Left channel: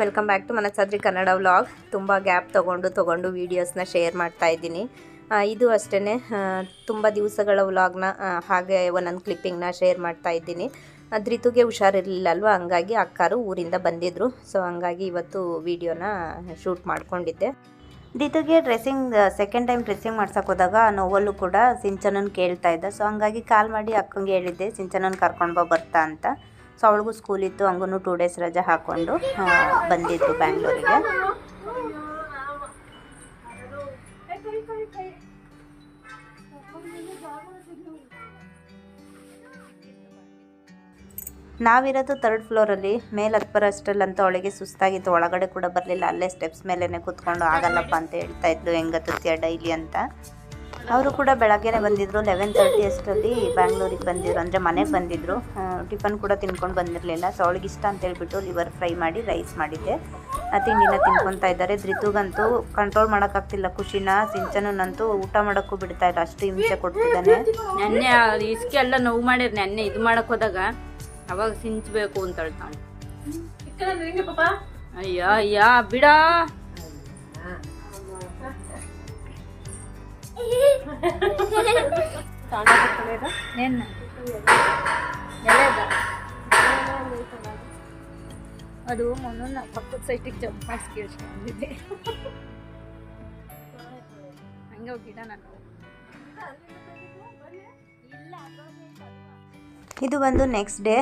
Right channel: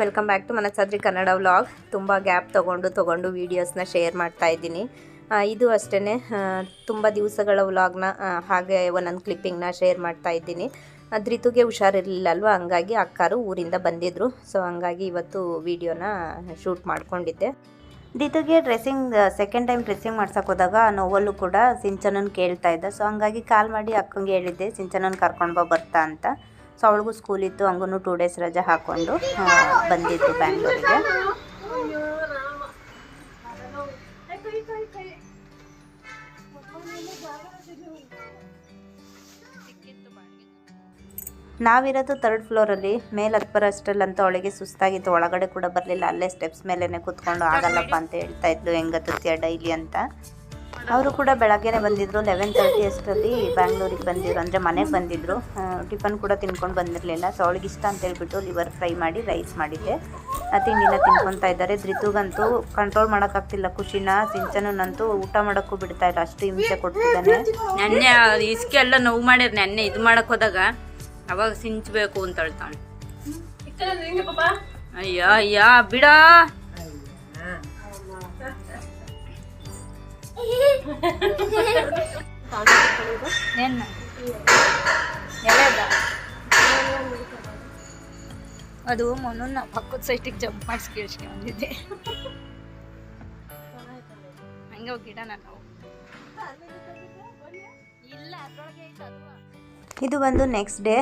Welcome back to Manasadri Kannada vlog. ತುಂಬ gap ತೊಗೊಂಡು ತೊಗೊಂಡು ವೀಡಿಯೋಸ್ನ ಶೇರ್ ಮಾಡ್ತಾ ಇದ್ದೀನಿ. ಇದು ಅಷ್ಟೇ ತುಂಬ ದಿವಸಗಳ ವ್ಲಾಗ್ನ ಹಾಗೆ ಒಂದೊಂದು ಕ್ಲಿಪ್ಪಿಂಗ್ನ ಶೇರ್ ಮಾಡ್ತಾ ಇದ್ದೀನಿ. ಅದ್ರಿತುಗೆ ಧೃತುಗೆ ಹುಷಾರಿರಲಿಲ್ಲ ಅಲ್ವಾ ಹಂಗಾಗಿ ಅಕ್ಕಾರು ಊರಿಂದ ಬಂದಿದ್ದರು ಸೊ ಹಂಗಾಗಿ ಇವತ್ತು ವೀಡಿಯೋನ ಶೂಟ್ ಮಾಡಿಕೊಂಡಿದ್ದೆ. ದಿತುಗೆ ಡ್ರೆಸ್ಸಿಂಗ್ ಸೆಕೆಂಡ್ ಟೈಮ್ ಡ್ರೆಸ್ಸಿಂಗ್ ಮಾಡ್ಸಕ್ಕೆ ಹೋದಾಗ ನೋವಲ್ಲೂ ಕೂಡ ಸಿಂಚನನ್ ಕೇಳ್ತಾ ಇದ್ದ. ಸೊ ಹಂಗಾಗಿ ಕಾಲ್ ಮಾಡಿ ಅಕ್ಕಂಗೆ ಹೇಳಿದ್ದೆ, ಸಿಂಚನನ್ ಕರ್ಕೊಂಡು ಬರ್ತಾ ಅಂತ. ಸೊ ಅವಳಿಗೂ ಸ್ಕೂಲ್ ಇತ್ತು ಹಂಗೂ ಟೂ ಡೇಸ್ ರಜೆ ಹಾಕ್ಕೊಂಡು ಬಂದಿತ್ತು ಬ್ಯಾಂಗ್ಳೂರಿಗೆ ನಾವಿರೋದು ತರ್ಡ್ ಫ್ಲೋರಲ್ಲಿ ಮೇಲೆ ಹತ್ತು ಬರೋಷ್ಟರಲ್ಲಂತೂ ಅವಳಿಗೆ ಸುಸ್ತಾಗಿತ್ತು, ಒಳಗಡೆ ಕೂಡ ಬರಲಿಲ್ಲ, ಅಲ್ಲೇ ಸ್ಟೆಪ್ಸ್ ಮೇಲೇ ಕೂತ್ಕೊಂಡು ಆಗಲ್ಲಪ್ಪ ಅಂತ ಹೇಳ್ತಾ ಇದ್ಲು ಹೆಂಗತ್ತೆ ಡೈಲಿ ಅಂತ. ಅವರು ಕೂಡ ಬೆಳಗ್ಗೆನೆ ಬಂದಿದ್ರು ಲೆವೆನ್ ತರ್ಟಿ ಅಷ್ಟರಲ್ಲಿ ಬ್ಯಾಂಗ್ಳೂರಿಗೆ ಬಂದಿದ್ರು ಅಂದರೆ ಮನೆಗೆ ಬಂದಿದ್ರು. ಟಿಫನ್ ಕೂಡ ತಿನ್ಕೊಂಡು ಬಂದಿರಲಿಲ್ಲ. ಸೊ ಅವಳಿಗೆ ಇಷ್ಟ ಅಂತ ಹೇಳ್ಬಿಟ್ಟು ಲಿವರ್ ಫ್ರೈ ಮಾಡಿ ರೈಸ್ ಮಾಡಿದ್ದೆ. ಆ ತಿಂಡಿನ ತಿನ್ಕೊತಾ ಇದ್ದಾರೆ. ಧೃತುಗಂತೂ ಕಂಟ್ರೋಲ್ ಮಾಡೋಕ್ಕಾಗ್ತಿಲ್ಲ. ಖುಷಿನ ಸಿಂಚನನಂತೂ ಊಟ ಮಾಡೋಕ್ಕೂ ಬಿಡ್ತಾ ಇಲ್ಲ. ಅಷ್ಟು ಹಿಂಸೆ ಕೊಡ್ತಿದ್ದಾನೆ. ನೆನ್ನೆ ಇಸ್ಕೆ ಎಲ್ಲ ನೋವು ಮಾಡಿರ ನೆನ್ನೆ. ಇದು ಮಾಡಕ್ಕೆ ಹೋದಾಗ ಅವಾಗ ಸಿಂಚಬೇಕು ಅಂತ ಹೇಳ್ತಾನೆ ಅಯ್ಯ ಅಯ್ಯ ಬಿಡ. ಅದು ಮೊನ್ನ ಪಕ್ಕದ ಸೈಟಿಗೆ ಜಂಪ್ ಮಾಡಿಸಿ ಕೇಳಿಸ್ಕೊಂಡಿದ್ದೆ ಹಂಗೆ ಹೋಗಿ ಗಿಡ ನಾನು ಇದು ಬಂದು next day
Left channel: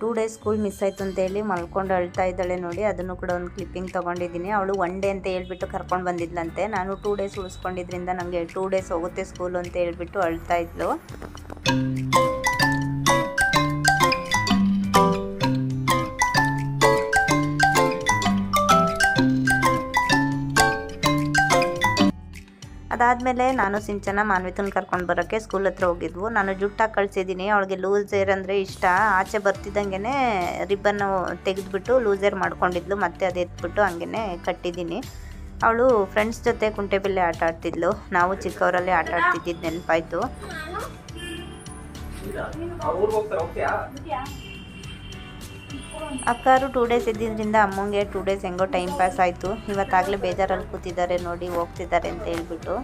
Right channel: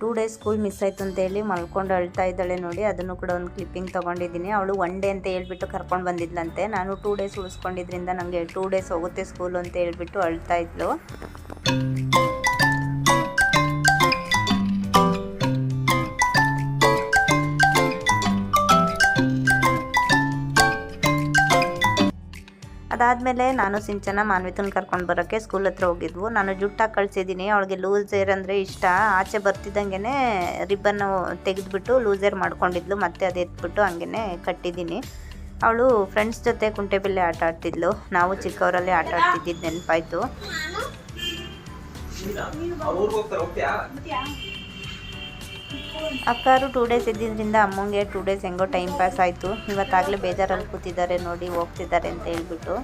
two days school miss ಆಯಿತು ಅಂತ ಹೇಳಿ ಮಲ್ಕೊಂಡು ಅಳ್ತಾ ಇದ್ದಾಳೆ ನೋಡಿ. ಅದನ್ನು ಕೂಡ ಒಂದು ಕ್ಲಿಪ್ಪಿಂಗ್ ತೊಗೊಂಡಿದ್ದೀನಿ. ಅವಳು ಒನ್ ಡೇ ಅಂತ ಹೇಳ್ಬಿಟ್ಟು ಕರ್ಕೊಂಡು ಬಂದಿದ್ಲಂತೆ. ನಾನು ಟೂ ಡೇಸ್ ಉಳಿಸ್ಕೊಂಡಿದ್ರಿಂದ ನನಗೆ ಟೂ ಡೇಸ್ ಹೋಗುತ್ತೆ ಸ್ಕೂಲು ಅಂತ ಹೇಳ್ಬಿಟ್ಟು ಅಳ್ತಾ ಇದ್ಲು. ಅದಾದಮೇಲೆ ನಾನು ಸಿಂಚನ ಮಾನ್ವಿತನ ಕರ್ಕೊಂಡು ಬರೋಕ್ಕೆ ಸ್ಕೂಲ್ ಹತ್ರ ಹೋಗಿದ್ವು. ನಾನು ಜುಟ್ಟಾಗಿ ಕಳಿಸಿದ್ದೀನಿ ಅವಳಿಗೆ ಏರ್ ಅಂದರೆ ಇಷ್ಟ. ಆಚೆ ಬರ್ತಿದ್ದಂಗೆ ರಿಬ್ಬನ್ನು ತೆಗೆದುಬಿಟ್ಟು ಲೂಸೇರ್ ಮಾಡ್ಕೊಂಡಿದ್ಲು. ಮತ್ತೆ ಅದು ಎತ್ಬಿಟ್ಟು ಹಂಗೆ ಕಟ್ಟಿದ್ದೀನಿ ಅವಳು ಫ್ರೆಂಡ್ಸ್ ಜೊತೆ ಕುಂಟೆಬಿಲ್ಲೆ ಆಟ ಆಡ್ತಿದ್ಲು. ನಾವು ಚಿಕ್ಕವರಲ್ಲಿ ಆಟ ಆಡ್ತಿದ್ದಿದ್ದು ನೆನಪಾಯ್ತು. ಅಕ್ಕಾರು ಟೂ ಡೇಸ್ ಇದ್ದಿದ್ದರಿಂದ ಅಮ್ಮಂಗೆ ಟೂ ಡೇಸ್ ಹೆಂಗೋ ಟೈಮ್ ಪಾಸ್ ಆಯಿತು. ಇವತ್ತಾಗಲೇ ಬೇಜಾರಲ್ಲಿ ಕೂತಿದ್ದಾರೆ, ನೋಡಿ ಹೋಗ್ತಿದ್ದಾರೆ ಅಂತ ಹೇಳ್ಬಿಟ್ಟು.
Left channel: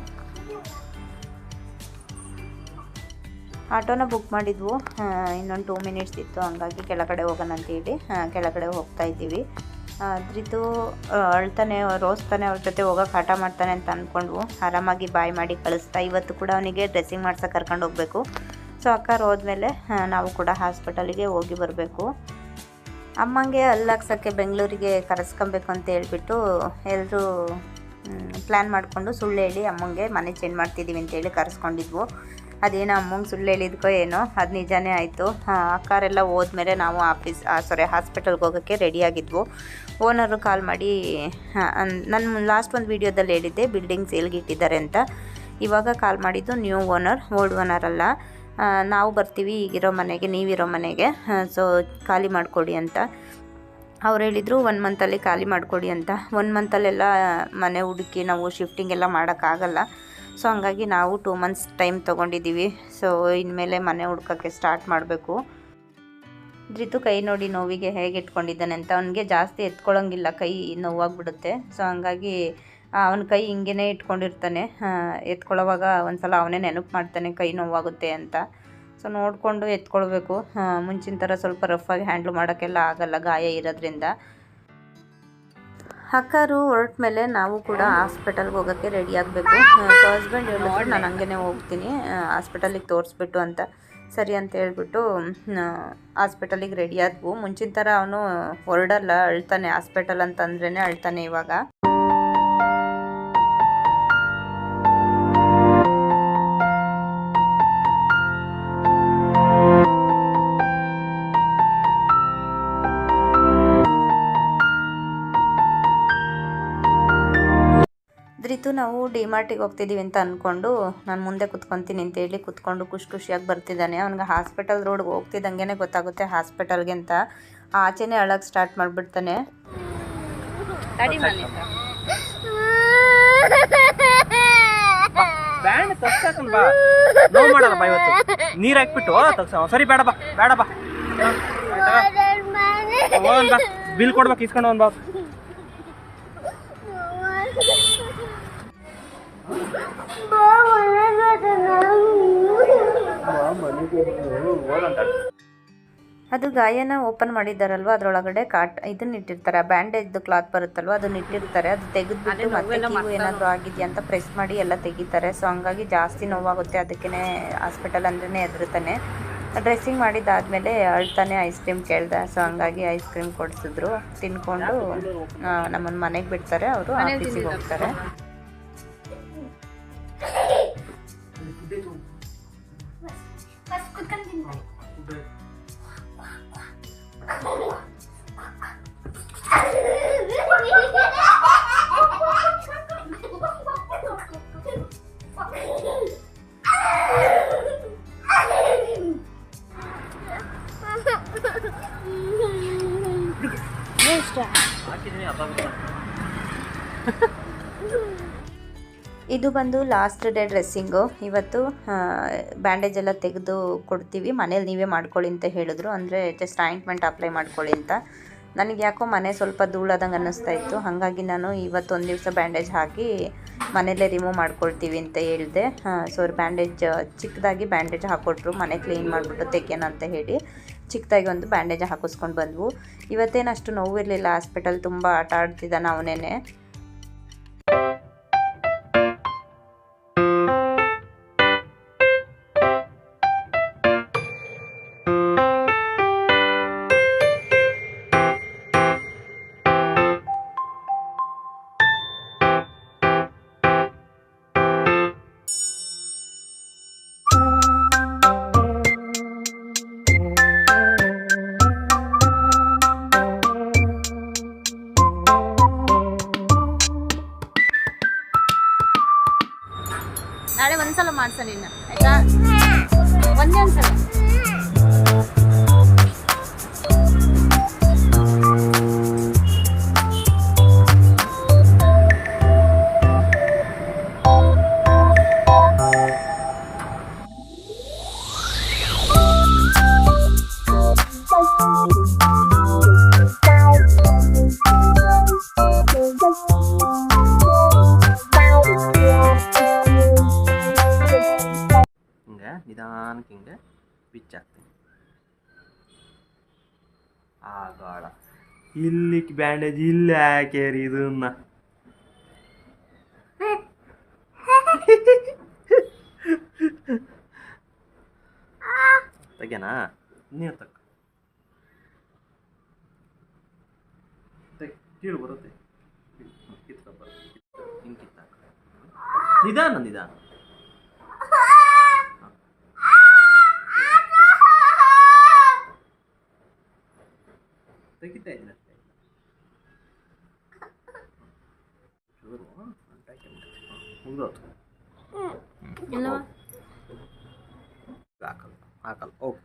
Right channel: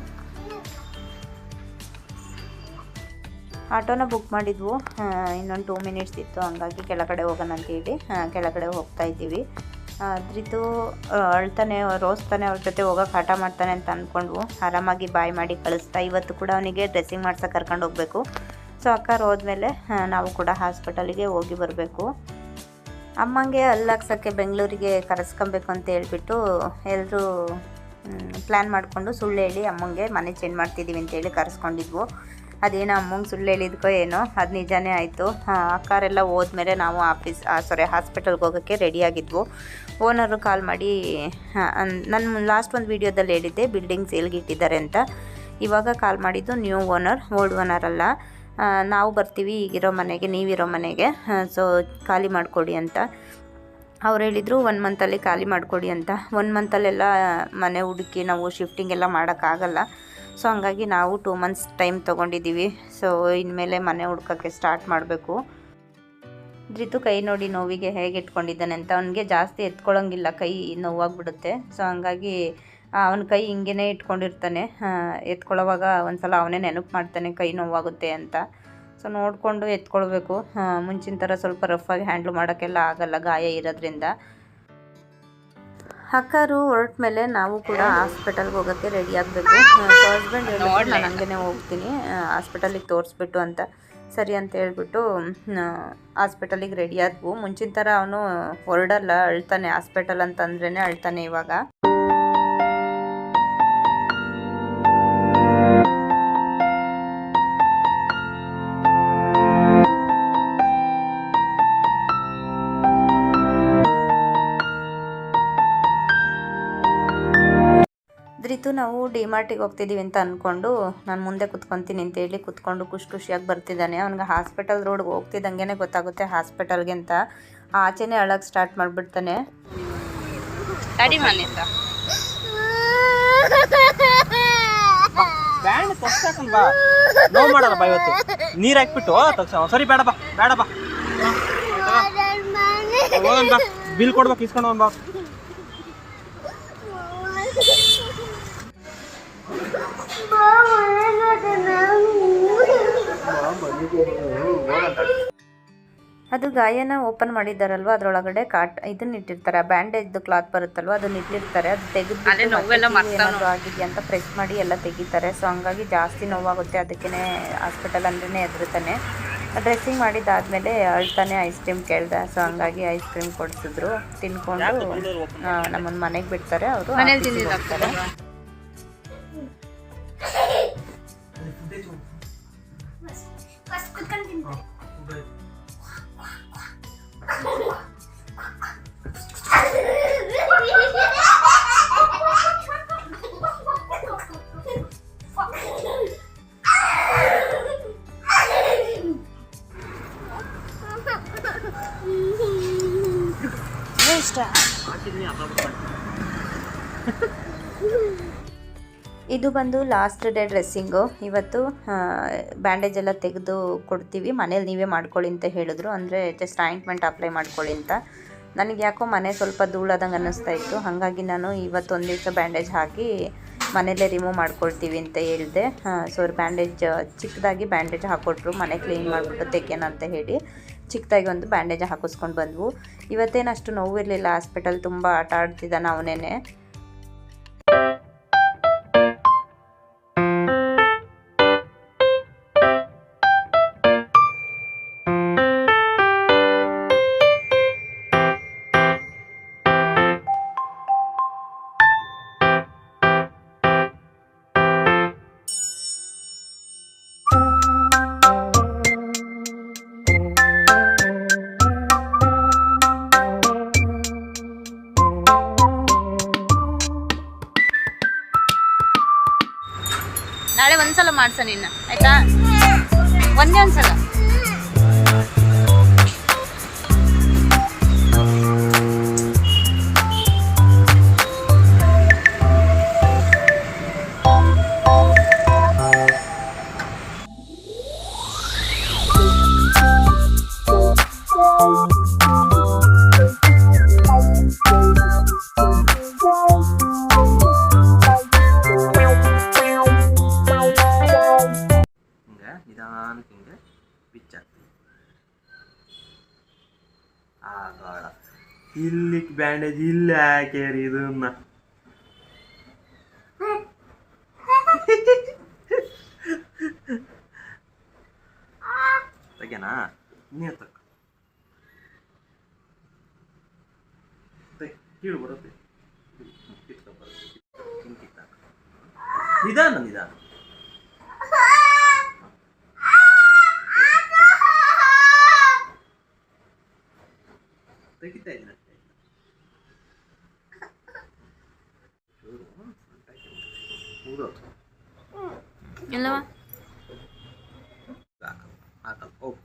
ಆಟೋನ ಬುಕ್ ಮಾಡಿದ್ವು. ಇನ್ನೊಂದು ಟೂ ಮಿನಿಟ್ಸ್ ಇತ್ತು, ಹಂಗಾಗಿ ಕೆಳಗಡೆ ಹೋಗೋಣ ಅಂತೇಳಿ ಕೆಳಗಡೆ ಹೋಗ್ತಾ ಇದ್ದೀವಿ. ಅದ್ರಿದ್ದು ಅಳ್ತಾನೆ ರೋಸ್ತಾನೆ ಅವ್ರ ಜೊತೆ ಹೋಗೋಕೆ ಆಟ ಮಾಡ್ತಾನೆ ಅಂತ ಅಂದ್ಕೊಂಡ್ವು ಆರಾಮಾಗಿ ಬಾಯ್ ಮಾಡಿ ಕಳಿಸ್ತಾ, ಇವತ್ತು ಕೂಡ ಅವನಿಗೆ ಡ್ರೆಸ್ಸಿಂಗ್ ಮಾಡ್ಸೋಕೆ ಕರ್ಕೊಂಡು ಹೋಗಬೇಕು. ಸೊ ಅಕ್ಕಾರು ಹೋದ್ಮೇಲೆ ನಾವು ಕೂಡ ಹಾಸ್ಪಿಟಲಿಗೆ ಹೋಗಿ ಬರಬೇಕು. ಅಮ್ಮಂಗೆ ಅಲ್ಲಾಕ್ಸೋಕ್ಕೆ ಬೆಂಗಳೂರಿಗೆ ಕರೆಸ್ಕೊಬೇಕು ಅಂತ ಹೇಳ್ಬಿಟ್ಟು ಎಲ್ಲರೂ ಪ್ಲ್ಯಾನ್ ಮಾಡಿಕೊಂಡು ಸುಳ್ಳು ಹೇಳಿ ಅಮ್ಮಂಗೆ ಮನೆ ಚೇಂಜ್ ಮಾಡ್ತಿದ್ದೀವಿ ಅಂತೇಳಿ ಕರೆಸ್ಕೊಂಡಿದ್ವು. ಅದೇನೋ ಅಮ್ಮಂಗೆ ಸುಳ್ಳು ಹೇಳಿದ್ಕೋ ಏನೋ, ಅದು ನಿಜಾನೇ ಆಯಿತು. ಅಕ್ಕಾರೆಲ್ಲ ಹೋದ್ಮೇಲೆ ನಾವು ಆಫೀಸ್ ಸಾರಿ ಹಾಸ್ಪಿಟಲ್ಗೆ ಹೋಗೋಕ್ಕೆ ರೆಡಿಯಾಗಿದ್ವು ಓನರು ಕಾಲ್ ಮಾಡಿ ನಾನು ಲಾಸ್ಟ್ ಒಂದು ವೀಡಿಯೋದಲ್ಲಿ ಹೇಳಿದ್ದೆ ಬಿಲ್ಡಿಂಗ್ ಸೇಲ್ಗೆ ಇಟ್ಟಿದ್ದಾರೆ ಅಂತ. ಇವಾಗ ಕಾಲ್ ಮಾಡಿದ್ದು ನ್ಯೂ ಓನರ್ ಓಲ್ಡ್ ಓನರ್ ಅಲ್ಲ. ನಾವು ಬರ್ತೀವಿ, ಈಗಿರೋ ಮನೆಗೆ, ನೀವಿರೋ ಮನೆಗೆ ಸೊ ಖಾಲಿ ಮಾಡಿಕೊಡಿ ಅಂತ. ಅವ್ರು ಹೇಳಿದರು ಒನ್ ಮಂತಲ್ಲಿ ಖಾಲಿ ಮಾಡಿಕೊಡಿ ಅಂತ. ಒನ್ ಮಂತಲ್ಲೆಲ್ಲ ಮನೆ ಹುಡುಕಿ ನಾವು ಶಿಫ್ಟಿಂಗ್ ಎಲ್ಲ ಮಾಡೋಕ್ಕಾಗಲ್ಲ ಸೊ ಹಂಗಾಗಿ ನಾವು ಟೂ ಮಂತ್ಸ್ ಟೈಮ್ ತೊಗೊಂಡಿದ್ದೀವಿ. ಸೊ ಇನ್ಮೇಲೆ ಮನೆ ಹುಡ್ಕೋಕ್ಕೆ ಸ್ಟಾರ್ಟ್ ಮಾಡಬೇಕು. ಧೃತು ಕೈ ನೋಡಿ ನೋವಿಗೆ ಹೇಗೆ ಇಟ್ಕೊಂಡಿದ್ದಾನೆ ಅಂತ. ಅವನಿಗೆ ಜಾಸ್ತಿ ಎತ್ಕೊಳ್ಳೋಂಗಿಲ್ಲ ಕೈ ನೋವಾಗಿಬಿಡುತ್ತೆ. ಸೊ ಹಂಗಾಗಿ ಅವನ ಕೈ ಹಿಂಗೇ ಇಟ್ಕೊಂಡಿರ್ತಾನೆ. ಎತ್ಕೊಳ್ಳೋವಾಗ ಎತ್ಕೊಳ್ಳೋವಾಗ ಒಂದ್ಸಲ ಅವನೇ ನೆನಪು ಮಾಡ್ತಾನೆ ಕೈ ನೋವಾಗುತ್ತೆ ಅಂತ. ಸೊ ನೋಡಿಕೊಂಡು ಎತ್ಕೊಳ್ಬೇಕು. ಮುಂಚಿನ ಥರ ಸ್ವಲ್ಪ ರಫಾಗಿ ಹ್ಯಾಂಡ್ಲ್ ಮಾಡೋಕ್ಕೆಲ್ಲ ಆಗಲ್ಲ ಗಾಯ ಇರೋದ್ರಿಂದ. ಹಕ್ಕರು ಹೊರಟ ಮೇಲೆ ನಾವು ಕೂಡ ಹಾಸ್ಪಿಟಲ್ಗೆ ಹೋಗೋಕ್ಕೆ ರೆಡಿ ಆಗಬೇಕು. ಸೊ ಹಸ್ಬೆಂಡ್ ಹೇಳಿದ್ರು ನಾನು ಹಂಗೆ ಹೋಗ್ತೀನಿ. ಹಾಸ್ಪಿಟಲಿಗೆ ತೋರಿಸ್ಬಿಟ್ಟು ಅಂತ ಸರಿ ಅಂತ ಹೇಳ್ಬಿಟ್ಟು ಹಾಸ್ಪಿಟಲಿಗೆ ರೆಡಿ ಆದ್ವು. ಮುಂಚಿನ ಥರ ಅವನು ಹೊರಡಲ್ಲ ಅಳ್ತಾನೆ. ಹಾಸ್ಪಿಟಲ್ ಅಂತಂದ್ರೇ ಅಳ್ತಾನೆ ಇವಾಗ. ನಾವು ಡಿಮಾರ್ಟಿಗೆ ಹೋಗ್ತಿದ್ದೀವಿ ಅಂತ ಅಂದ್ಕೊಂಡು ನಾನು ಮುಂದೆ ಕುತ್ಕೊತೀನಿ ಅಂತ ಹೇಳಿ ಕುತ್ಕೊಂಡು ಖುಷಿ ಖುಷಿಯಾಗಿ ಬರ್ತಿದ್ದಾನೆ. ಅವ್ನಿಗೆ ಹಾಸ್ಪಿಟಲ್ ರೋಡ್ಗೆ ಹೋಗ್ತಿದ್ದಂಗೆ ಗೊತ್ತಾಗುತ್ತೆ ಹಾಸ್ಪಿಟಲ್ಗೆ ಅಂತ. ಆಚೆನೇ ಅಳಕ್ಕೆ ಸ್ಟಾರ್ಟ್ ಮಾಡಿಬಿಡ್ತಾನೆ. ತಗ್ಸಾಕನ್ ಬಾ ಬಾ. ಇವತ್ತು. ನೀರ್ ಹಾಕ್ಬಿಟ್ಟು ಸರಿ, ಬೇಡ ಬಾ ಬೇಡ ಬಾ. ಬಾ, ಬಿಲ್ ಕೊಡ್ಬೇಕು, ಇಸ್ಕೊಂಡು ಬಾ. ಬಾಕ್ಸ್ ಅದು ಗಾಯನ ಓಪನ್ ಮಾಡಿದ್ದಾರಲ್ವ? ಅದ್ರೊಳಗಡೆ ಕಾಟ್ ಇದನ್ನ ಇಟ್ಟಿರ್ತಾರೆ. ಬ್ಯಾಂಡೇಜ್ ಕ್ಲಾತ್ ಬರುತ್ತಲ್ವ? ಅದನ್ನ ಇಟ್ಟಿರ್ತಾರೆ. ಅದು ತೆಗೆದ್ಬಿಟ್ಟು ಏನಾದ್ರು ಆಗಿದೆಯಾ ಅಂತ ಪ್ರೆಸ್ ಮಾಡಿ ಎಲ್ಲ ತೆಗಿತಾರೆ. ಸೊ ಹಂಗಾಗಿ ಜಾಸ್ತಿ ನೋವಾಗುತ್ತೆ. ಅದಕ್ಕೇ ಹಾಸ್ಪಿಟಲ್ ಅಂದ್ರೆ ಎದುರುತ್ತಾನೆ ಡ್ರೆಸ್ಸಿಂಗ್ ಮಾಡಿದ್ದಾದ್ಮೇಲೆ ಅಳ್ತಾನೆ ಐಸ್ ಕ್ರೀಮ್ ಕೇಳ್ದ. ಸೊ ಹಂಗಾಗಿ ಐಸ್ ಕ್ರೀಮ್ ಕೊಡಿಸಿದ್ರು. ತಿನ್ಕೊಂಡು ನಮ್ಮನ್ನ ಮನೆಗೆ ಬಿಡ್ತಾರೆ. ಅವರು ಆಫೀಸಿಗೆ ಹೋಗ್ತಾರೆ ಇದು ಬಂದು ಲಾಸ್ಟ್ ಡೇ ಡ್ರೆಸ್ಸಿಂಗು ಇವತ್ತು ಬ್ಯಾಂಡೇಜ್ ಎಲ್ಲ ತೆಗೆದು ಕೊಡ್ತೀವಿ. ಮನೇಲಿ ನೀವೇ ಮಾಡ್ಕೊಳ್ಳಿ ಅಂತ ಹೇಳಿದ್ರು. ಅಂದರೆ ಜಸ್ಟ್ ಆಯಿಂಟ್ಮೆಂಟ್ ಅಪ್ಲೈ ಮಾಡ್ಕೊಳ್ಳಿ ಅಂತ. ನನಗೆ ಯಾಕೋ ಮನೆ ಸ್ವಲ್ಪ ಧೂಳಾದಂಗೆ ಅನ್ನಿಸ್ತಾ ಇತ್ತು. ಹಾಗಾಗಿ ನಾನು ಇವತ್ತು ಒಂದು ದಿವಸ ಬ್ಯಾಂಡೇಜ್ ಹಾಕಿ ಮನೆಯಲ್ಲೇ ರಿಮೂವ್ ಮಾಡ್ಕೊಳ್ತೀವಿ ಅಂತ ಹೇಳಿದೆ. ಸೊ ಅವ್ರು ಬ್ಯಾಂಡೇಜ್ ಚಿಕ್ಕದಾಗಿ ಬ್ಯಾಂಡೇಜ್ ಹಾಕ್ಕೊಟ್ರು ಮನೆ ಕ್ಲೀನ್ ಮಾಡಿಬಿಟ್ಟು ತೆಗೆಯೋಣ ಅಂತ ಹೇಳಿ ಚಿಕ್ಕದಾಗಿ ಒಂದು ಬ್ಯಾಂಡೇಜ್ ಹಾಕಿಸ್ಕೊಂಡು ಬಂದ್ವು. ಇವತ್ತೇನು ಅಷ್ಟು ನೋವಿರಲಿಲ್ಲ. ಹಾಸ್ಪಿಟಲ್ ತುಂಬ ಆಟ ಆಡ್ತಿದ್ದಾನೆ ಅವನೇನೆ. ಒಂದ್ಸಲ ಮಾಡ್ಸ ನಿನ್ನ ಆಯ್ತಾ? ಒಂದೇ ಒಂದ್ಸಲ. ಬ್ಯಾಂಡೇಜ್ ಇಲ್ಲ ಹಾಕ್ಯಾರಿ ಇದನ್ನ ತೆಗ್ಯಾನಾ ನೀ ತಕ್ಕ ಕೀಳು ಬರುತ್ತೆ ನಿಧಾನ ನಿಧಾನ ತೆಗಿತಾ ಇದ್ದೀನಿ ಅಷ್ಟೇ ಚೂರು ಮುಗ್ದೋತು ಇಲ್ಲವ? ಹಾಕಲ್ಲ ಹಾಕಲ್ಲ. ಹೋಗು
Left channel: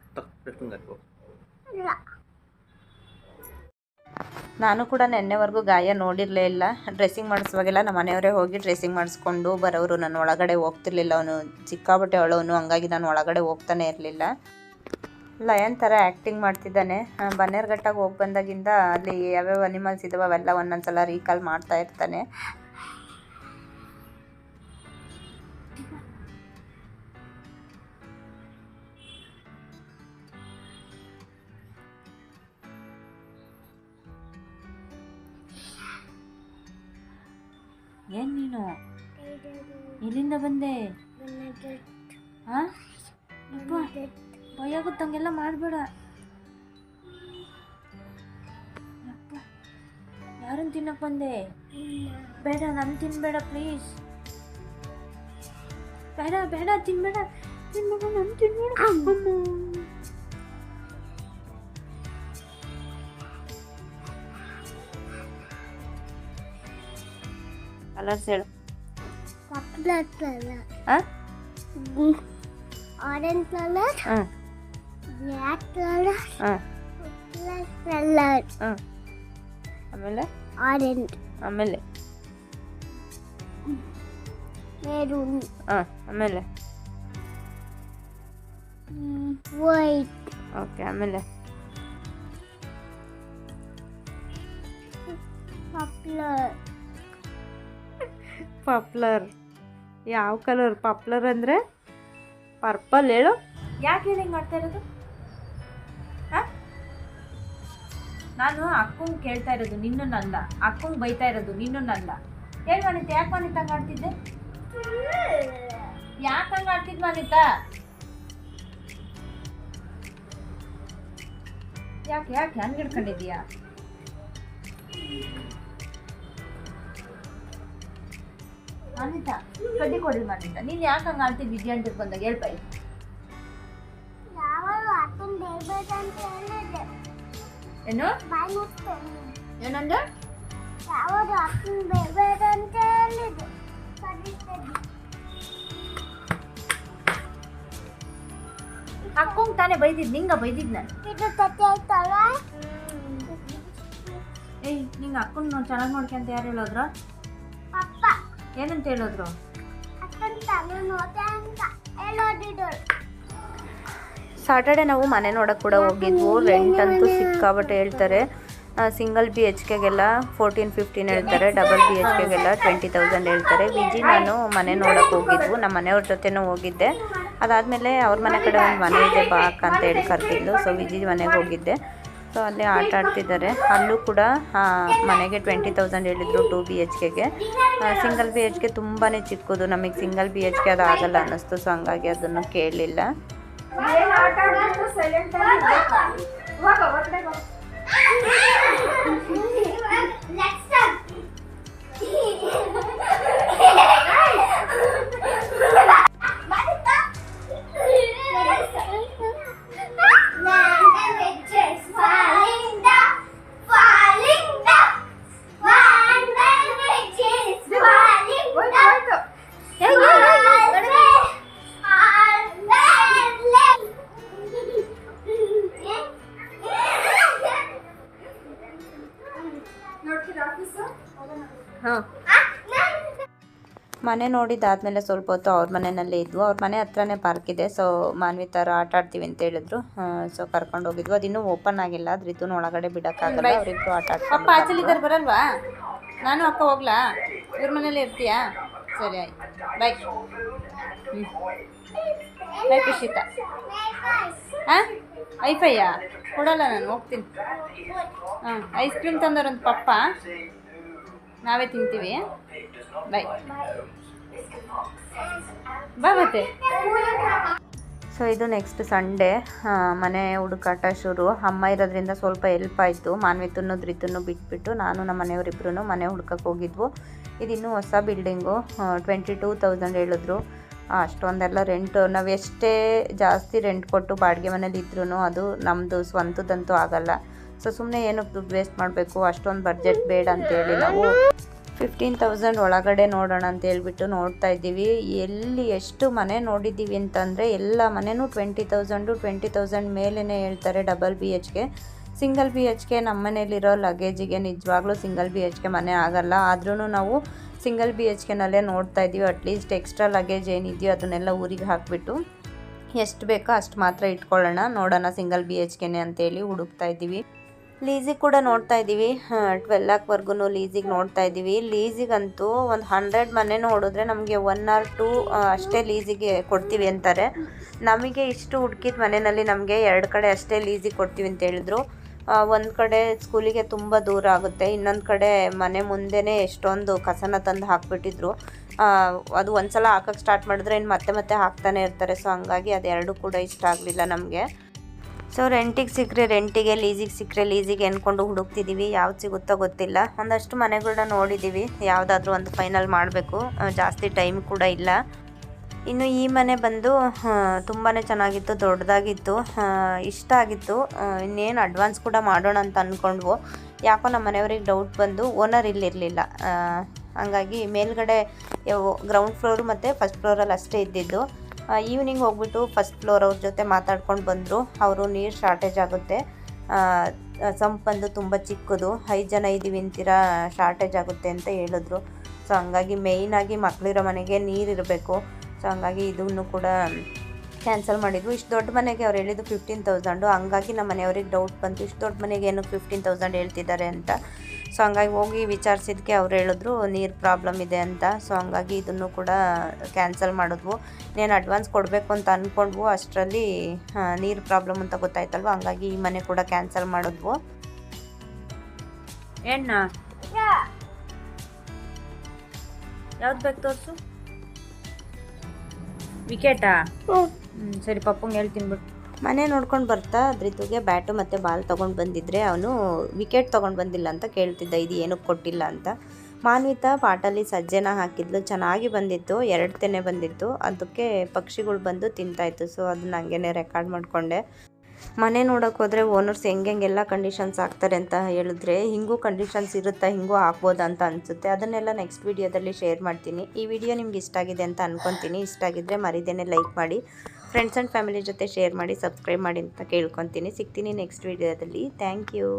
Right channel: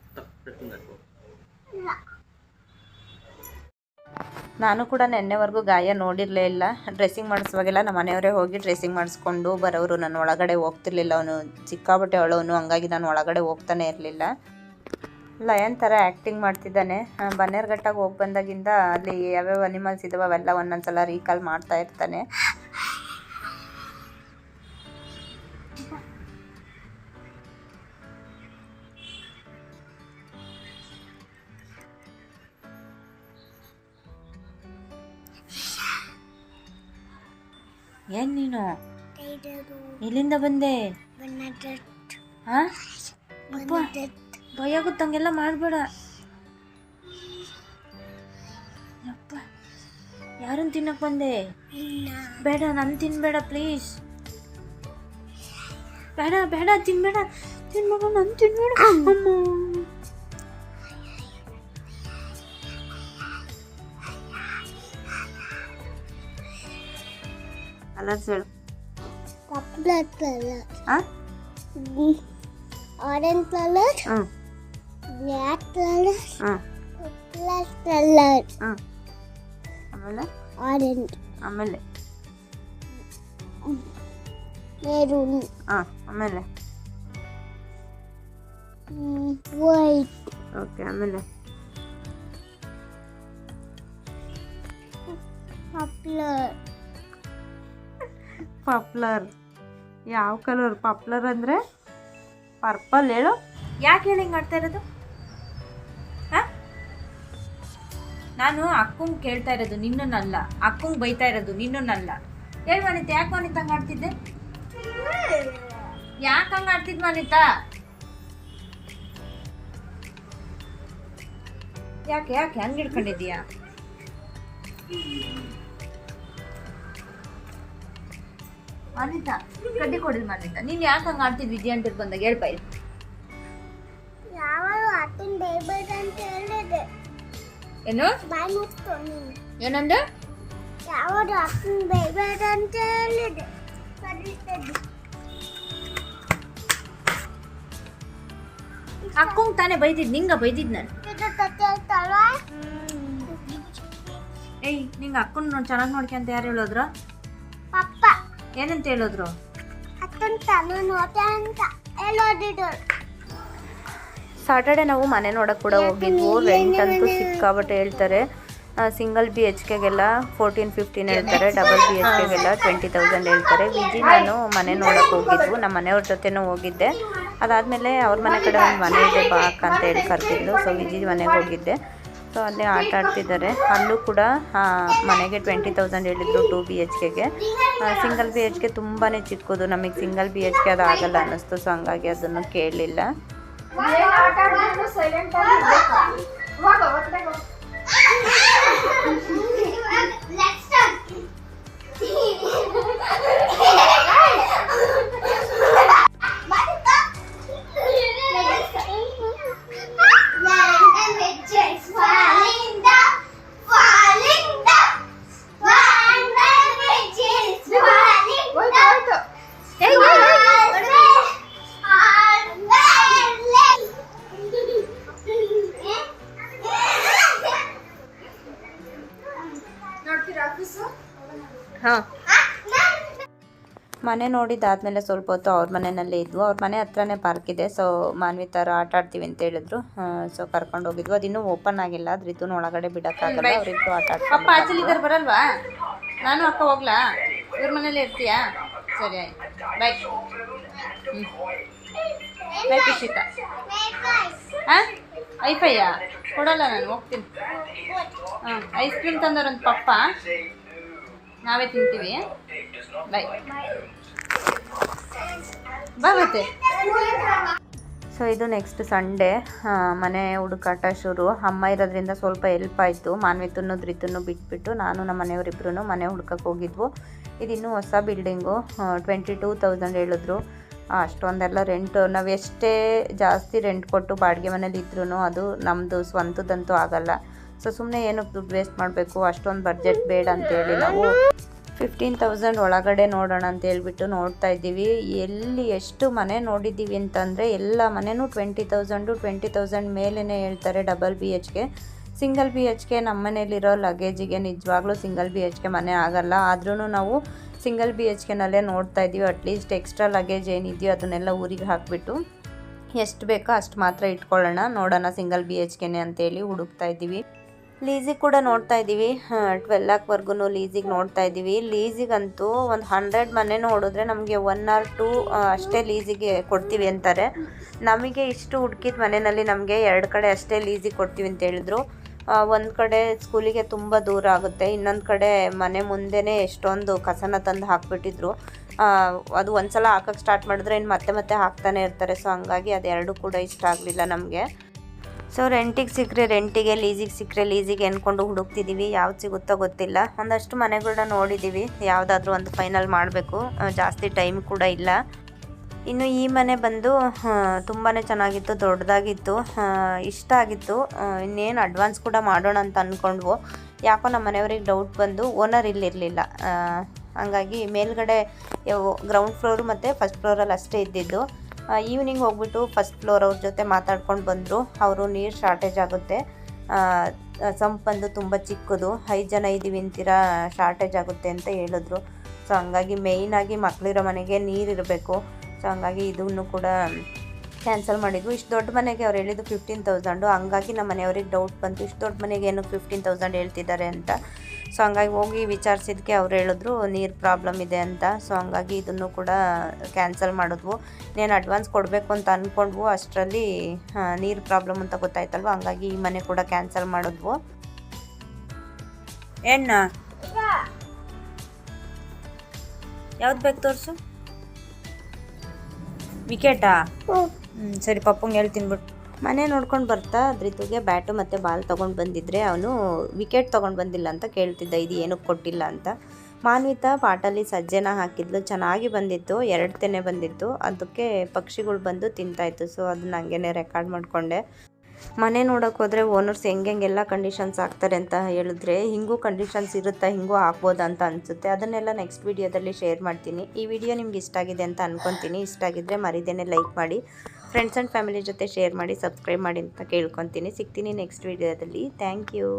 ನಾನು ಕೂಡ ನಿನ್ನೆವರೆಗೂ ಗಾಯ ನೋಡಿರಲೇ ಇಲ್ಲ. ಡ್ರೆಸ್ಸಿಂಗ್ ಮಾಡಿಸುವಾಗೆಲ್ಲ ನಮ್ಮ ಮನೆಯವರೇ ಹೋಗಿ ಡ್ರೆಸ್ಸಿಂಗ್ ಮಾಡಿಸ್ಕೊಂಡು ಬರೋರು ನಾನು ಒಳಗಡೆ ಹೋಗ್ತಿರ್ಲಿಲ್ಲ ಅವನು. ಸಿಕ್ಕಾಬಟ್ಟೆ ಅವಳವನು ಹಂಗಾಗಿ ನಾನು ಒಳಗಡೆ ಹೋಗ್ತಾನೆ ಇರಲಿಲ್ಲ. ಲಯನ್ ಥರ ಆ್ಯಕ್ಟಿಂಗ್ ಮಾಡ್ತಿದ್ದಾನೆ. ಬನ್ನೇರ್ಘಟ್ಟಾಗಿ ಬನ್ನೇರ್ಘಟ್ಟಾಗ ಹೋಗಿ ಬಂದಾಗಿಂದ ಅಲ್ಲಿ ಯಾವ್ಯಾವ ಅನಿಮಲ್ಸ್ ಇದಾವೆ ಅವೆಲ್ಲ ಒಂದೊಂದ್ಸಲ ರೀಕಾಲ್ ಮಾಡ್ತಾ ಇರ್ತಾನೆ. ಏನ್ ನೀನು? ಎಲ್ಲಿಂದ ಬಂದೆ. ಭಯ ಗೊತ್ತಂಗೆಲ್ಲ ಮಾಡಬೇಡ. ಅಪ್ಪ ಯಾರನ್ನ ತಿನ್ನಕ್ ಬಂದೆ? ಬೇಡ ನಾನು ತಿನ್ಬೇಡ ಪ್ಲೀಸ್ ಬೇಡ ಬೇಡ ತಿನ್ಬೇಡ. ತಿನ್ಬೇಡ ನಾನು ತಿನ್ಬೇಡ ಅಮ್ಮ. ಕಲರ್ಸ್ ಹೇಳು ಆ? Orange colour hmm black colour hmm black colour hmm ಆಮೇಲೆ ಆರೆಂಜ್ ಆಮೇಲೆ ಮೆರೂನ್ ಹಾಂ ಆಮೇಲೆ ವೈಟ್ ಓಕೆ ಆಮೇಲೆ ಪಾಪ್ಯುಲರ್ ಪಾಪ್ಲರ್. ಯಾವ ಕಲರ್ ಪಾಪ್ಲರ್ ಅಂದರೆ? ಪರ್ಪಲ್ ಹೇಳು. ಯಾಕೆ ಹೇಳಿ ಮಾಡ್ತಾ ಇರೋದು? ನಾನು ಅಕ್ಕಂಗೆ ಕೇಳ್ತಾ ಇರೋದು, ನಿನ್ನನ್ನಲ್ಲ. ಅಕ್ಕಂಗೆ ಬೈತಾ ಇರೋದು, ನಿನ್ನನ್ನಲ್ಲ. ಹೇಳಿ ಮನಿತ ಯಾಕೆ ಮನಿತ ಹಂಗೆ ಯಾಕೆ ಹಂಗೆ ಆಡ್ತಿದ್ ಮನಿತ ಯಾಕೆ ಯಾಕೆ ಹಂಗೆ ಹಿಡ್ಕೊಂಡಿದ್ದೀಯಾ? ಅನಿತಾ ಕಡ್ಡಿ ಕೊಡಿದ್ ಅನಿತಾ ನೀನ್ ಯಾಕೆ ಹಂಗ ಆಡ್ತಿದ್ ವಿಜಯ ಅಂತ ಬಂದಾಗ? ಹೇಳ್ಪ ಯಾವಾಗ ಅಕ್ಕನ ಬೇಡ ಅಂತ ಹೇಳಿದೆ. ಏನು? ಬಾಯ್ ಮುಟ್ಟು ನೀನು. ಏನಂದೆ? ಯಾವಾಗ ಅಕ್ಕನ ಬೇಡ ಅಂತ ಹೇಳಿದೆ. ಅಕ್ಕಂಗ್ ತಾನೇ ಬೈದಿದ್ ನಿಂಗ ಬೈದಿದ್ ನಾನು. ಏಯ್ ನಿಂಗ ಅಕ್ಕನ್ ಚೆನ್ನಾಗಿ ನೋಡ್ಕೊಂತ ಯಾರು ಹೇಳೋದ್ರ? ಪಪ್ಪ. ಏನಂತ ಹೇಳಿದ್ರು? ಅಂತ ಹೇಳೋದಿದ್ರು. ಸಾಟರ್ಡೆ ನಾವು ಮನೆ ನೋಡಕ್ಕೆ ಕೂಡ ಹೋಗಿದ್ವು. ರೆಂಟ್ ಅಂತೂ ಸಿಕ್ಕಾಬಟ್ಟೆ ಹೇಳ್ತಾರೆ. ಸಿಂಗಲ್ ಬಿ ಎಚ್ ಕೆಗೆಲ್ಲ ಫೋರ್ಟೀನ್ ಫಿಫ್ಟೀನ್ ಹೇಳ್ತಾರೆ. ಡಬಲ್ ಬಿ ಎಚ್ ಕೆಗೆಲ್ಲ ಟ್ವೆಂಟಿ ತೌಸಂಡ್ ಹೇಳ್ತಾರೆ. ವಿಜಿ ನಾನು ಮನೆ ನೋಡಕ್ ಹೋಗಿದ್ವು. ನಮ್ಮ ಮನೆಯವ್ರ ಜೊತೆನೂ ಹೋಗಿದ್ದೆ. ಅದಾದಮೇಲೆ ಅವ್ರ ಮನೆ ಕಡೆ ಒಂದು ಮನೆ ಇದೆ ಬಾಕ್ ಅಂತ ಹೇಳಿ ಕರ್ತಿದ್ಲು ಸೊ ವಿಜಿ ಮನೆಗೆ ಹೋಗಿದ್ದೆ. ಸೊ ಅಲ್ಲೇ ಆಟ ಆಡ್ತಿದ್ದಾರೆ. ಅಲ್ಲೂ ಕೂಡ ಮನೆಗೆ ಟ್ವೆಂಟಿ ತೌಸಂಡ್ ಹೇಳಿದ್ರು ಟು ಬಿ ಎಚ್ ಕೆಗೆ ಸಿಂಗಲ್ ಬಿ ಎಚ್ ಕೆ ತುಂಬಾ ಚಿಕ್ಕದು. ನಮಗೆ ಸಿಂಗಲ್ ಬಿ ಎಚ್ ಕೆ ಅದು ಆಗಲ್ಲ ಅನ್ನಿಸ್ತು ಸೊ ಹಂಗಾಗಿ ಅದನ್ನು ಕೇಳಲಿಲ್ಲ ಮನೆ ನೋಡಿದಾದ್ಮೇಲೆ ಸ್ವಲ್ಪ ಹೊತ್ತು ಅವ್ರ ಮನೆಯಲ್ಲೇ ಇದ್ವು. ಅವ್ರ ಮನೆ ಹತ್ರನೇ ಪಾರ್ಕ್ ಇದೆ. ಸೊ ಮಾನ್ವಿ ಥರ ಆಟ ಆಡ್ತೀವಿ ಅಂತ ಹೇಳಿದ್ರು. ಸೊ ಕರ್ಕೊಂಡು ಹೋಗಿದ್ವು. ಅದಿನ್ನೂ ಓಪನ್ ಆಗಿಲ್ಲ. ಅದ್ರ ಇದನ್ನ ಒಳಗಡೆ ಬಿಡೋಕ್ಕಾಗಲ್ಲ. ಅವರಿಬ್ರು ಆಟ ಅಪ್ಪ ಆಚಲಿದ್ದಾರೆ ಬರಲ್ವಾ? ನಾನು ಅಕ್ಕ ಹೋಗ್ಲಾ? ಇವ್ರ ಮನೇಲಿ ಇರ್ತೀಯಾ? ಸರಿ ಆಯ್ತು. ಬಾಯ್ ಹ್ಞೂ ಬಾಯ್ ಖುಷಿತ. ಹಾಂ ಐಫೈಯಾ ಕೊಡಲ್ಲ ನಾನು ಹೋಗ್ತೀನಿ. ಹಾಂ ಐಸ್ ಕ್ರೀಮ್ ತಂದವ್ರಂತ ಪಪ್ಪ? ನಾವೇ ತಿಂತೀವಿ. ಬಾಯ್ ಬಾ ಮತ್ತೆ ಸೊ ಇದು ನೆಕ್ಸ್ಟ್ ಸಂಡೇ ಮನೆ ಹುಡುಕಾಟ ಶುರು. ಅಮ್ಮ ಇರೋದ್ರಿಂದ ಸ್ವಲ್ಪ ಹೆಲ್ಪ್ ಆಯಿತು. ಮಾನ್ವಿತನ್ನು ಧೃತನ್ನು ಬಿಟ್ಬಿಟ್ಟು ನಾನು ನಮ್ಮ ಮನೆಯವರಿಬ್ರು ಮನೆ ಹುಡ್ಕಕ್ಕೆ ಹೋಗಿದ್ವು. ಇದಿನ್ನೂ ಹೊಸ ಬಿಲ್ಡಿಂಗು ಟ್ವೆಂಟಿ ಟೂ ತೌಸಂಡ್ ಹೇಳಿದ್ರು. ಅಷ್ಟೊಂದೆಲ್ಲ ರೆಂಟು ನಾವು ಎಷ್ಟೇ ಜಾಸ್ತಿ ರೆಂಟ್ ಕೊಟ್ಟು ಬಾಡಿಗೆ ಮನೇಲಿ ಇದ್ರೂ ಅದು ನಮ್ಮದು ಸ್ವಂತದಂತೂ ಆಗಲ್ಲ. ಸೊ ಸುಮ್ಮನೆ ಏನಕ್ಕೆ ದುಡ್ಡು ವೇಸ್ಟ್ ಮಾಡಬೇಕು, ಅಷ್ಟೊಂದು ಬಜೆಟ್ ಬೇಡ ಅಂತೇಳಿ ನಾವು ಫಿಫ್ಟೀನ್ ತೌಸಂಡ್ ಒಳಗಡೆ ನೋಡೋಣ ಅಂತ ಹೇಳ್ಬಿಟ್ಟು ನೋಡ್ತಾ ಇದ್ದೀವಿ. ಎಲ್ಲಿ ಎಷ್ಟು ಮನೆ ನೋಡಿದ್ದೀವಿ ಅಂತಂದರೆ ಎಲ್ಲ ಮನೆಯೂ ಟ್ವೆಂಟಿ ತೌಸಂಡು ಟ್ವೆಂಟಿ ತೌಸಂಡ್ ಮೇಲೇ ಹೇಳ್ತಾರೆ ಡಬಲ್ ಬಿ ಎಚ್ಗೆ ಸಿಂಗಲ್ ಬಿ ಎಚ್ ಕೆ ನಮ್ಮ ಮನೇಲಿರೋ ಲಗೇಜಿಗೆ ನಿಜವಾಗ್ಲೂ ಸಿಂಗಲ್ ಬಿ ಎಚ್ ಕೆ ಮನೆ ಆಗಲ್ಲ. ಆದ್ರೂ ನಾವು ಸಿಂಗಲ್ ಬಿ ಎಚ್ ಕೆನಲ್ಲೇ ನೋಡ್ತಾ ಇದ್ದೀವಿ. ಅಟ್ಲೀಸ್ಟ್ ಎಕ್ಸ್ಟ್ರಾ ಲಗೇಜ್ ಏನಿದೆಯೋ ಅದನ್ನೆಲ್ಲ ಊರಿಗೆ ಹಾಕಿಬಿಟ್ಟು. ಎಷ್ಟು ಬೇಕೋ ಅಷ್ಟು ಮಾತ್ರ ಇಟ್ಕೊಳ್ಳೋಣ. ನೋಡೋಣ ಸಿಂಗಲ್ ಬಿ ಎಚ್ ಕೆನೆ ಅಂತೇಳಿ ಹುಡುಕ್ತಾ ಇದ್ದೀವಿ. ಲೀಸಿಗೆ ಕೂಡ ನೋಡ್ತಾ ಇದ್ದೀವಿ. ಟ್ವೆಲ್ ಲ್ಯಾಕ್ವರೆಗೂ ಲೀಸಿಗೆ ನೋಡ್ತಾ ಇದ್ದೀವಿ. ಲೀಸಿಗಂತೂ ಒಂದು ಹಂಡ್ರೆಡ್ ಮನೆ ನೋಡಿದ್ರೆ ನಮಗೆ ಒನ್ ಆರ್ ಟೂ ಅಷ್ಟೇ ಲೀಸಿಗೆ ಕೊಡ್ತೀವಿ ಅಂತಾರೆ. ನಮಗೆ ಇಷ್ಟು ಹುಡುಕಿದ ಮನೆಯಲ್ಲಿ ನಮಗೆ ಎರಡು ಕಡೆ ಅಷ್ಟೇ ಲೀಸಿಗೆ ಕೊಡ್ತೀವಿ ಅಂತ ಹೇಳಿದ್ರು. ಒಂದು ಕಡೆ ಸ್ಕೂಲಿಗೆ ತುಂಬ ದೂರ ಆಗುತ್ತೆ. ಇನ್ನೊಂದು ಕಡೆ ಮನೆ ಮುಂದೆನೇ ಎಷ್ಟೊಂದು ಕಸನ ತಂದು ಹಾಕ್ಬಿಟ್ಟಿದ್ರು. ಅದು ಅದು ಒಂದ್ಸಲ ಹಾಕಕ್ಕೆ ಸ್ಟಾರ್ಟ್ ಮಾಡಿದ್ರೆ ಇನ್ನು ಮತ್ತೆ ಮತ್ತೆ ಹಾಕ್ತಾನೆ ಇರ್ತಾರೆ. ಸೊ ಹಂಗಾಗಿ ಅದೆರಡು ಕೂಡ ಇಷ್ಟ ಆಗಲಿಲ್ಲ ನಮಗೆ. ಸೊ ರೆಂಟಿಗೆ ಸಿಕ್ಕರೆ ರೆಂಟಿಗೆ ಲೀಸಿಗೆ ಸಿಕ್ಕರೆ ಲೀಸಿಗೆ ಅಂದ್ಕೊಂಡು ಹುಡುಕ್ತಿದ್ದೀವಿ ಯಾವ್ದು ಸಿಗುತ್ತೋ ಗೊತ್ತಿಲ್ಲ. ಒಂದಷ್ಟು ಮನೆಗಳನ್ನ ನೋಡಿದ್ದೀವಿ ಯಾವುದಾದ್ರೂ ಒಂದು ಫೈನಲ್ ಮಾಡಬೇಕು. ಜಾಸ್ತಿ ಟೈಮ್ ಕೂಡ ಇಲ್ಲ. ಇನ್ನು ಈ ಮನೆ ಬಂದು ತುಂಬಾ ಚೆನ್ನಾಗಿತ್ತು, ದೊಡ್ಡದಾಗಿತ್ತು ಇಷ್ಟ ಆಗಿತ್ತು. ಇನ್ನೇನು ಅಡ್ವಾನ್ಸ್ ಕೂಡ ಮಾಡೋಣ ಅಂತ ಅಂದ್ಕೊಂಡ್ವು ಯಾಕೋ ನಮ್ಮ ಮನೆಯವ್ರಿಗೆ ಡೌಟ್ ಬಂದು ಓನರ್ ಇಲ್ಲಿರಲಿಲ್ಲ. ಹಂಗಾಗಿ ಮೇಲ್ಗಡೆ ಗ್ರೌಂಡ್ ಫ್ಲೋರು ಮತ್ತು ಫಸ್ಟ್ ಫ್ಲೋರಲ್ಲಿ ಅಷ್ಟೇ ಇದ್ದಿದ್ದು. ಈವ್ನಿಂಗ್ ಹೋಗ್ಬಿಟ್ಟು ಫಸ್ಟ್ ಫ್ಲೋರ್ ಅವ್ರ ಜೊತೆ ಮಾತಾಡ್ಕೊಂಡು ಬಂದರು. ಅವರು ನೀರು ಶಾರ್ಟೇಜ್ ಆಗುತ್ತೆ. ಸಂಪ್ ಬಂದು ತುಂಬ ಚಿಕ್ಕದು. ಐದು ಜನ ಇದ್ದೀವಿ ಅಂತೀರಾ ಶಾರ್ಟೇಜ್ ಆಗುತ್ತೆ ಅಂತ ಹೇಳಿದ್ರು. ಸೊ ಹಂಗಾಗಿ ಮೇಯ್ನಾಗಿ ಮಕ್ಕಳಿರೋ ಮನೆಗೆ ನೀರು ಇರಬೇಕು. ಸೊ ಹಂಗಾಗಿ ಇದನ್ನು ಕೂಡ ಕ್ಯಾನ್ಸಲ್ ಮಾಡಿದ್ವು. ಇಷ್ಟು ದೊಡ್ಡ ಮನೆಗೆ ಅವ್ರು ಹೇಳಿದ್ದು ಫಿಫ್ಟೀನ್ ತೌಸಂಡು ಹಂಗಾಗಿ ನಮ್ಮ ಮನೆಯವ್ರಿಗೆ ಡೌಟ್ ಬಂತು. ಇಷ್ಟು ದೊಡ್ಡ ಮನೆಗೆ ಏನು ಫಿಫ್ಟೀನ್ ತೌಸಂಡ್ ಹೇಳ್ತಿದ್ದಾರೆ ಅಂತ. ಸೊ ಹಂಗಾಗಿ ಹೋಗಿ ವಿಚಾರಿಸಿದ್ಕೆ ಅವ್ರು ಹೇಳಿದ್ರು, ನೀರು ಪ್ರಾಬ್ಲಮ್ ಇದೆ ಅಂತ. ಸೊ ಹಂಗಾಗಿ ಇದನ್ನು ಕೂಡ ಕ್ಯಾನ್ಸಲ್ ಮಾಡಿದ್ವು. ನೀನು ಅಡ್ವಾನ್ಸ್ ಕೊಡಬೇಕು ಅಂತ ಅಂದ್ಕೊಂಡ್ವು ಅಷ್ಟರಲ್ಲಿ ನೀರು ಪ್ರಾಬ್ಲಮ್ ಅಂತ ಗೊತ್ತಾಯ್ತಲ್ವ? ಹಂಗಾಗಿ ಈ ಮನೆ ಕೂಡ ಕ್ಯಾನ್ಸಲ್ ಮಾಡಿದ್ವು. ಎಣ್ಣ? ಯಾವ್ದು ಬೇಕು ತೋರಿಸು? ವಿಕೆಟಾ? ಹ್ಞೂ ಸರಿ, ಪಪ್ಪಂಗೆ ಹೇಳ್ತೀನಿ ಬಿಟ್ಟು ಮನೆ ನೋಡ್ಕೊಂಡು ಬರ್ತಾ ಧೃತುಗೆ ಬ್ಯಾಟು ಮತ್ತು ಬಾಲ್ ತೊಗೊಂಡು ಬಂದಿದ್ರೆ ಅವನು ವಿಕೆಟ್ ತೊಗೊಂಡು ಬಂದಿಲ್ಲ ಅಂತ ಕೇಳ್ತಿದ್ದ, ಇದು ಏನಕ್ಕೆ ಕೊಟ್ಟಿಲ್ಲ ಅಂತ. ಮಾನ್ವಿತಾ ಪಾಟಲ್ಲಿ ಸಜ್ಜೆನ ಹಾಕಿದ್ಲು, ಚೆನ್ನಾಗಿ ಬಂದಿತ್ತು ಎರಡು ತೆನೆ ಬಂದಿತ್ತು. ಅದಕ್ಕೆ ಪಕ್ಷಿಗಳು ಬಂದು ತಿಂತಾಯಿತ್ತು ಸೊ ಅದನ್ನ ಹಂಗೇನೆ ರೆಕಾರ್ಡ್ ಮಾಡಿಕೊಂಡೆ. ಮನೆ ನೋಡೋಕೆ ಹೋದರೆ ಓನರ್ಸ್ ಹೆಂಗೆಲ್ಲ ಕಂಡೀಷನ್ಸ್ ಹಾಕ್ತಾರೆ ಅಂತ ಹೇಳಿದ್ರೆ, ಹಿಂಗೂ ಕಂಡೀಷನ್ಸ್ ಇರುತ್ತಾ, ಹಿಂಗೂ ಹಾಕ್ಬೋದಾ ಅಂತ ಅನಿಸುತ್ತೆ. ಅದನ್ನೆಲ್ಲ ನೆಕ್ಸ್ಟ್ ವೀಡಿಯೋದಲ್ಲಿ ಶೇರ್ ಮಾಡ್ತೀನಿ. ಈ ವಿಡಿಯೋ ನಿಮ್ಗೆ ಇಷ್ಟ ಆಗಿದೆ ಅಂತ ಅಂದ್ಕೊತೀನಿ ಇಷ್ಟ ಆಗಿದ್ದರೆ ಮರಿದೇನೆ ಲೈಕ್ ಮಾಡಿ. ಫ್ರೆಂಡ್ಸ್ ಆ್ಯಂಡ್ ಫ್ಯಾಮಿಲಿ ಜೊತೆ ಶೇರ್ ಮಾಡಿ ಸಬ್ಸ್ಕ್ರೈಬ್ ಮಾಡಿ ಅಂತ ಕೇಳ್ಕೊತೀನಿ ಸಿಗ್ತೀನಿ ನೆಕ್ಸ್ಟ್ ವೀಡಿಯೋದಲ್ಲಿ ಥ್ಯಾಂಕ್ ಯು